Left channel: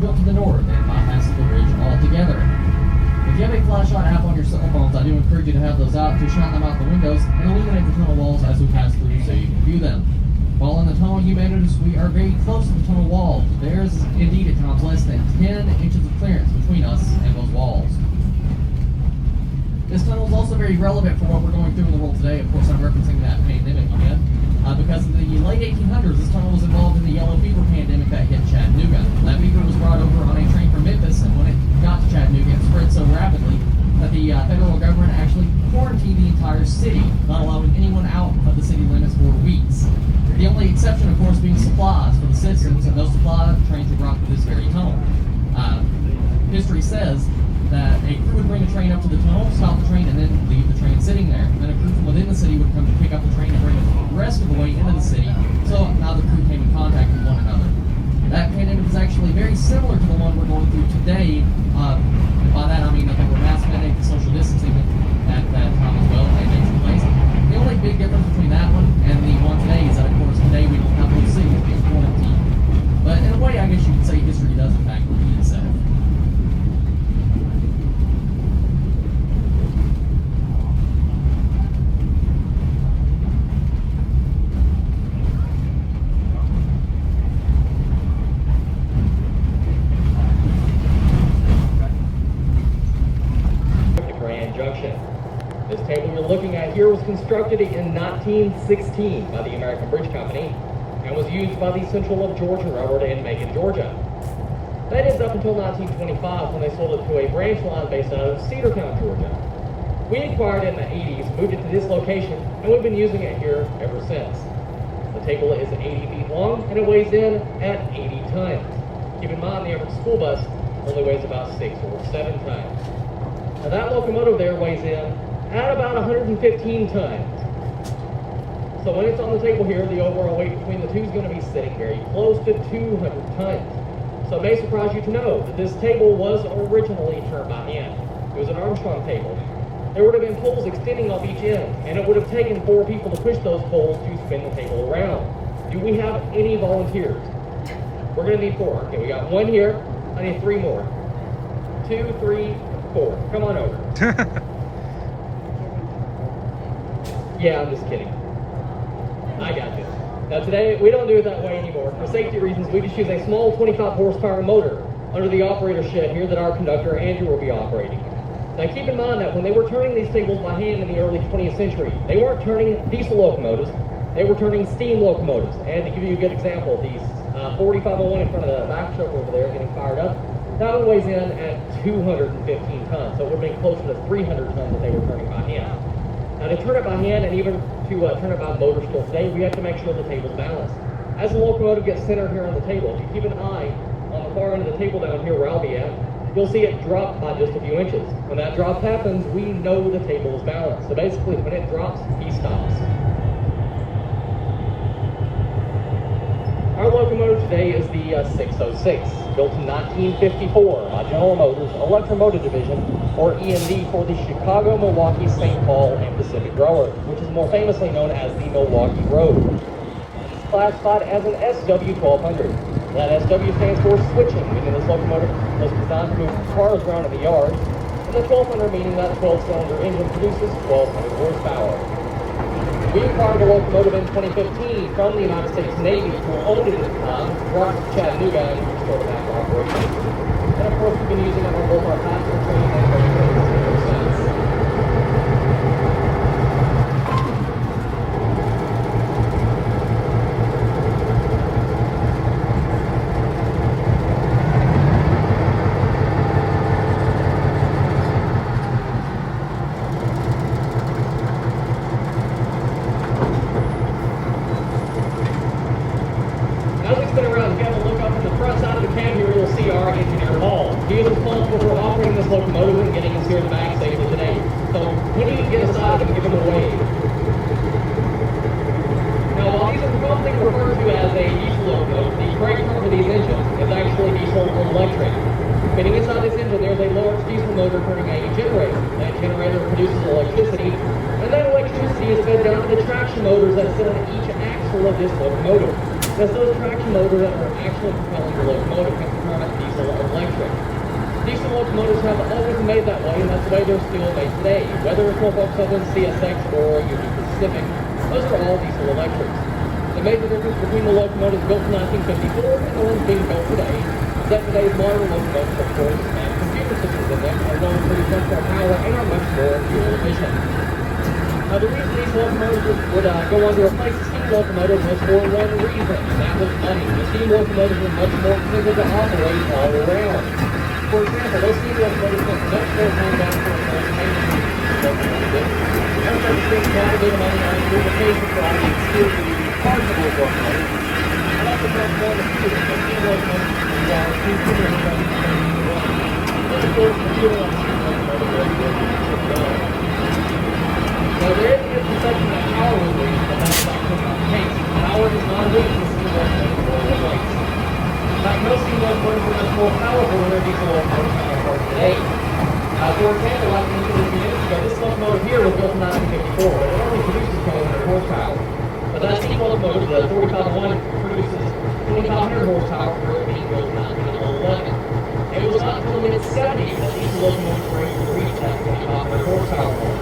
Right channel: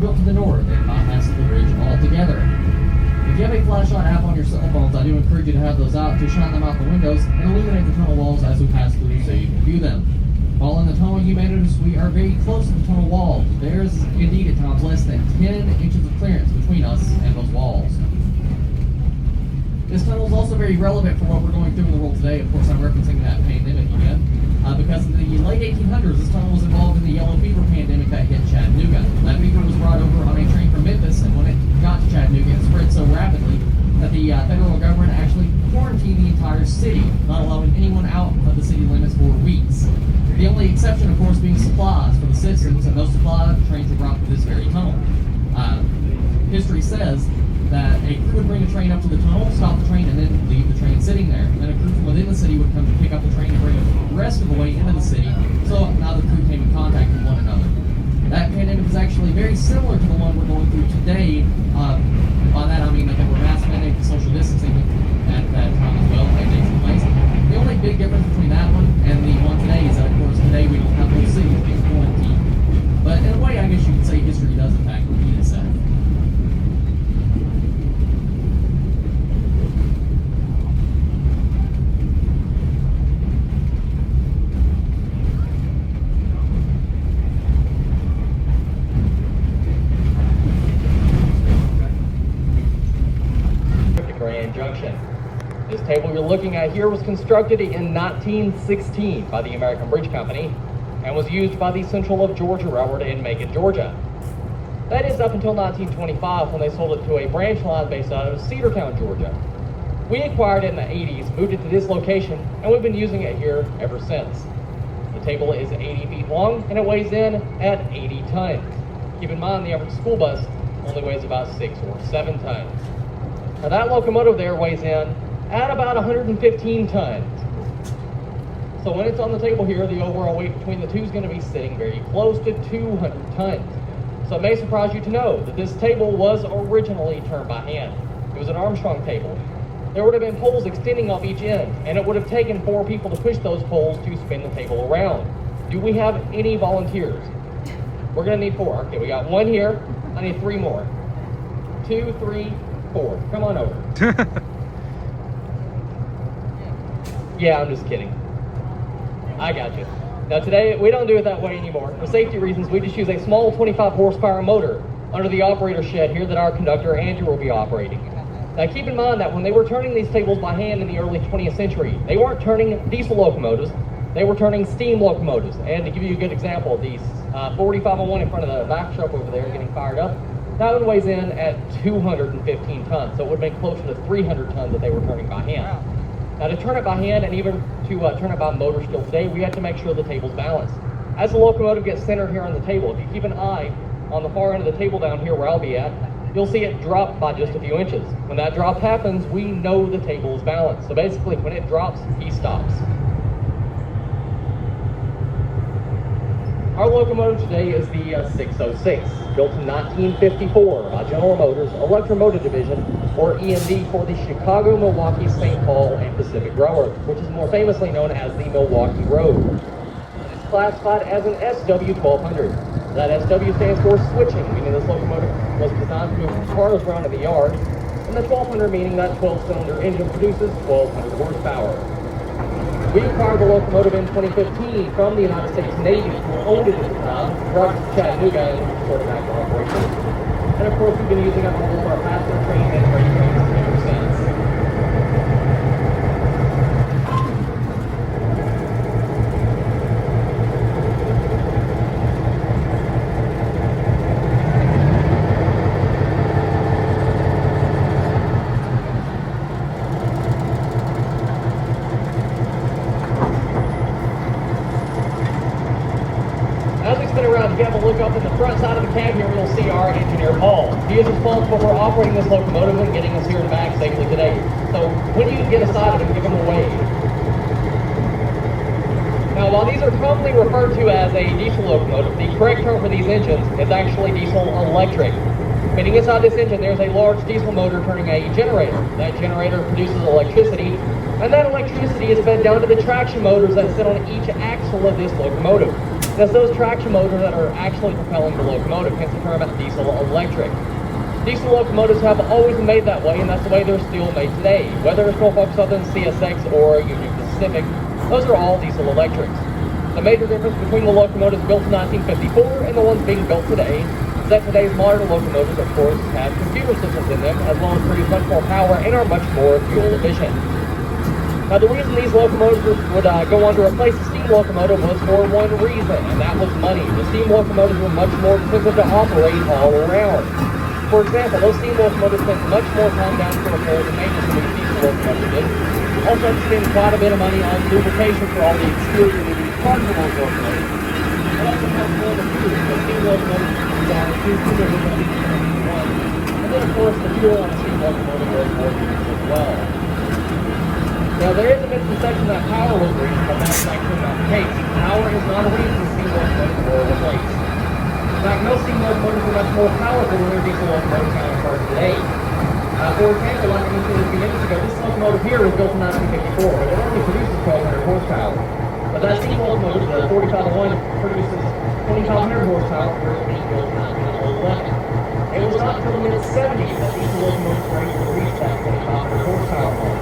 built to the north and bypasses the ridge altogether. If you have a flashlight app on your cell phones, I do encourage you to have those out to shine them out the windows and illuminate the tunnel walls as we pass through so you can view them. While in the tunnel, you may notice we are very close to the tunnel wall. There's indeed at times less than 10 inches of clearance between us and those walls. This tunnel is also very relevant for what we're going through in the world today. Of course, I'm referencing that pandemic again. Because in the late 1800s, this tunnel was involved in the yellow fever pandemic that hit Chattanooga. That fever was brought over on a train from Memphis, and when it got to Chattanooga, it spread so rapidly that the federal government actually quarantined the entire city, not allowing anyone out of the city limits for weeks. The only exception, of course, being supplies for the citizens, and those supply trains were brought to this very tunnel. History says that a crew would bring a train up to the tunnel, stop the train, and then leave the train sitting there. And then a crew from within the city would come to pick up the train and bring it the rest of the way into the city, so now the crew came in contact with one another. That pandemic is actually very similar to the one we're going through today. And by that I mean that there were mass mandated social distancing at that time as well, like taking place. The only big difference between that one and the one today is that, of course, today we don't have those cities being quarantined. But in a way, I guess you could say history does in fact repeat itself. This table you're looking at here was constructed in 1916 by the American Bridge Company and was used by the Central of Georgia Railroad in Macon, Georgia. That is up until 1925 when they sold it to a branch line based out of Cedartown, Georgia. We acquired it in the 80s, moved it to this location, and we've been using it here ever since. The table is 80 feet long and it weighs in at 80 tons. Keep in mind the average school bus only weighs about 6 or 7 tons. Now that locomotive there weighs in at about 115 tons. So when it's on the table here, the overall weight between the two is going to be sitting very close to 200 tons. So it may surprise you to know that this table was originally turned by hand. It was an Armstrong table. There would have been poles extending off each end, and it would have taken 4 people to push those poles to spin the table around. Do we have any volunteers? We're going to need 4. Okay, we got 1 here. I need 3 more. 2, 3, 4. Come on over. Yeah, I'm just kidding. I got you. Now today, we don't do it that way anymore. For safety reasons, we just use a small 25 horsepower motor under the operator shed here that our conductor, Andrew, will be operating. Now keep in mind that when they were turning these tables by hand in the early 20th century, they weren't turning diesel locomotives, they were turning steam locomotives. And to give you a good example, the 4501 in front of the back shelf over there getting fired up, that one weighs in at 215 tons, so it would make closer to 300 tons that they were turning by hand. Now to turn it by hand and even to turn it by motor still today, we have to make sure the table's balanced. As the locomotive gets centered here on the table, if you keep an eye on the far end of the table down here where I'll be at, you'll see it drop by just a few inches. When that drop happens, we know the table is balanced. So basically, when it drops, he stops. Our locomotive today is the 606, built in 1954 by General Motors Electromotive Division, or EMD, for the Chicago, Milwaukee, St. Paul, and Pacific Railroad, which is more famously known as the Milwaukee Road. It's classified as an SW1200. That SW stands for switching, meaning this locomotive was designed to move cars around at the yard, and the 1200 meaning that 12-cylinder engine produces 1200 horsepower. We acquired the locomotive in 2015 from the United States Navy, who owned it at the time, brought it to Chattanooga, and of course we've been using it for both our passenger training and our training ever since. Motors that sit on each axle of this locomotive. because those traction motors that are actually propelling the locomotive can be turned diesel or electric. Diesel locomotives have always been made that way, and that's the way they're still made today. Whether it's Norfolk Southern, CSX, or Union Pacific, those are all diesel electrics. The major difference between the locomotives built in 1954 and the ones being built today is that today's modern locomotives, of course, have computer systems in them that allow produce much more power and are much more fuel efficient. Now, the reason these locomotives would go on to replace the steam locomotive was for one reason, and that was money. The steam locomotives were much more expensive to operate all around. For example, those steam locomotives take much more time out to repair the also consumes quite a bit of money on purification for all the exterior parts of those locomotives. It also has more of a fuel, because steam locomotives require two fuel injections. And then, of course, the fuel on steam locomotives was working as well. Now, there is a misconception that power was reached, but that's actually not the case. Power is not a reason steam locomotives were replaced. In fact, most steam locomotives are much more powerful than their diesel locomotive counterparts today. For example, like I mentioned a few minutes ago, this locomotive here was built in 1954, but it only produces 1,200 horsepower. But that steam locomotive, the 4501, produces 2,500 horsepower for it being built in 1911. It was not until the mid-70s that diesel locomotives were able to reach that 2,500 horsepower point.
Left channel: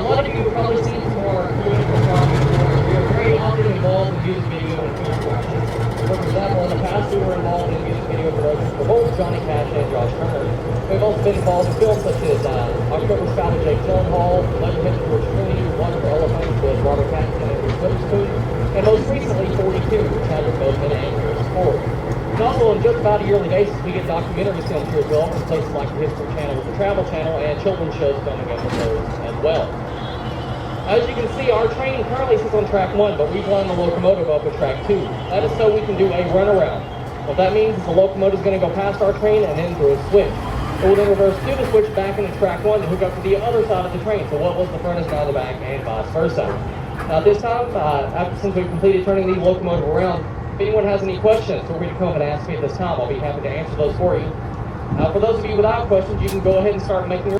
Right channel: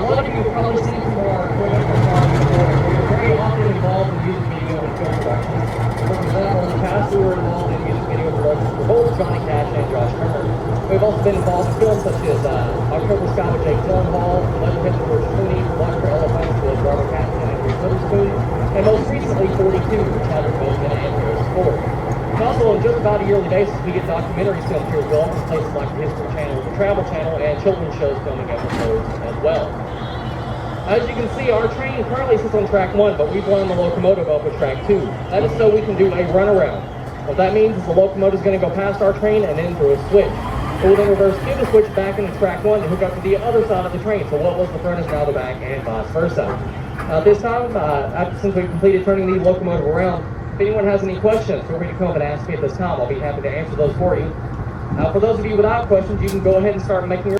A lot of you have probably seen from our political farming before. We are very often involved in music video and film production. For example, in the past, we were involved in music video production for both Johnny Cash and Western. We've also been involved in films such as October Sky Day, Cornwall, Electric Head for Trinity, Electric Elephant, The Rock Accident, and most recently, 42, which helped build the Niagara Falls. And also, on just about a yearly basis, we get documentaries sent to as well from places like History Channel, Travel Channel, and children's shows coming out as well. As you can see, our train currently sits on track 1, but we've run the locomotive up at track 2. That is so we can do a runaround. What that means is the locomotive is going to go past our train and then through a switch. We will then reverse to the switch back into track 1 and hook up to the other side of the train. So what was the front is now the back and vice versa. Now this time, since we've completed turning the locomotive around, if anyone has any questions, feel free to come and ask me at this time. I'll be happy to answer those for you. Now for those of you without questions, you can go ahead and start making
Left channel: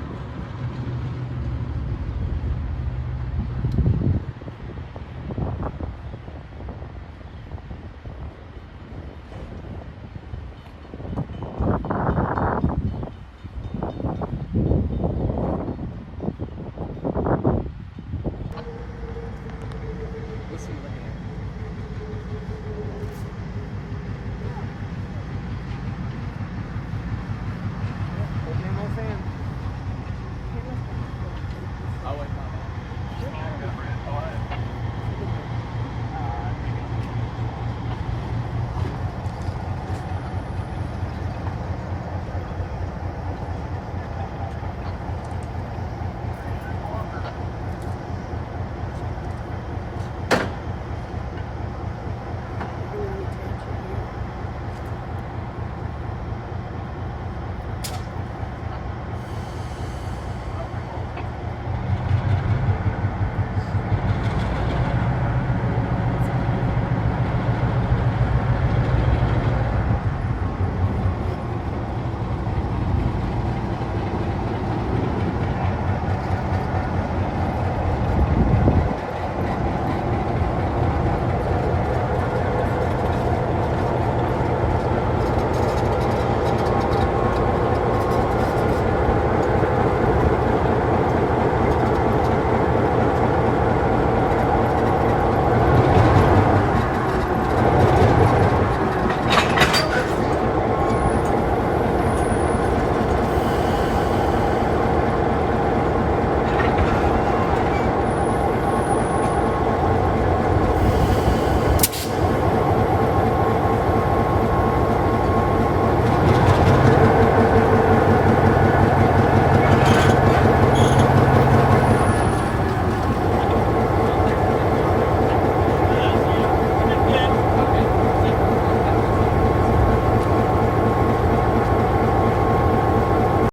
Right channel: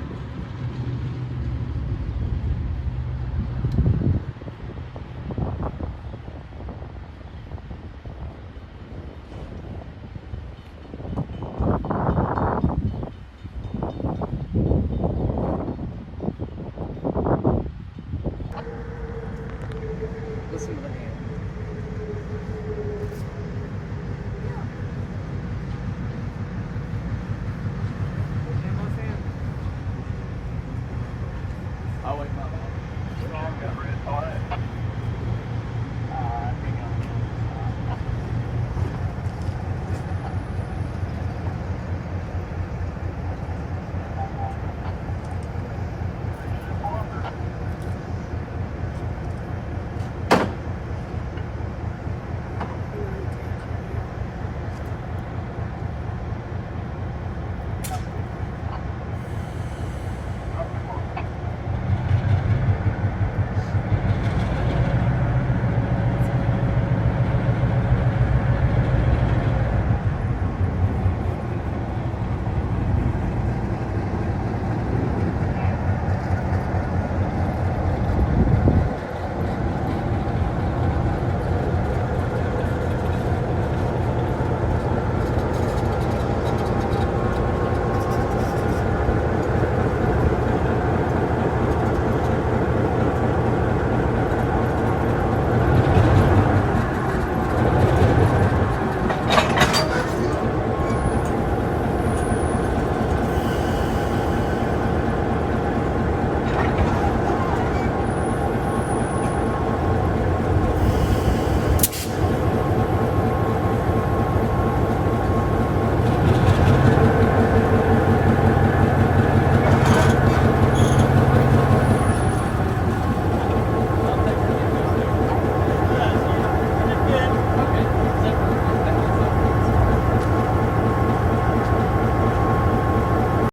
This is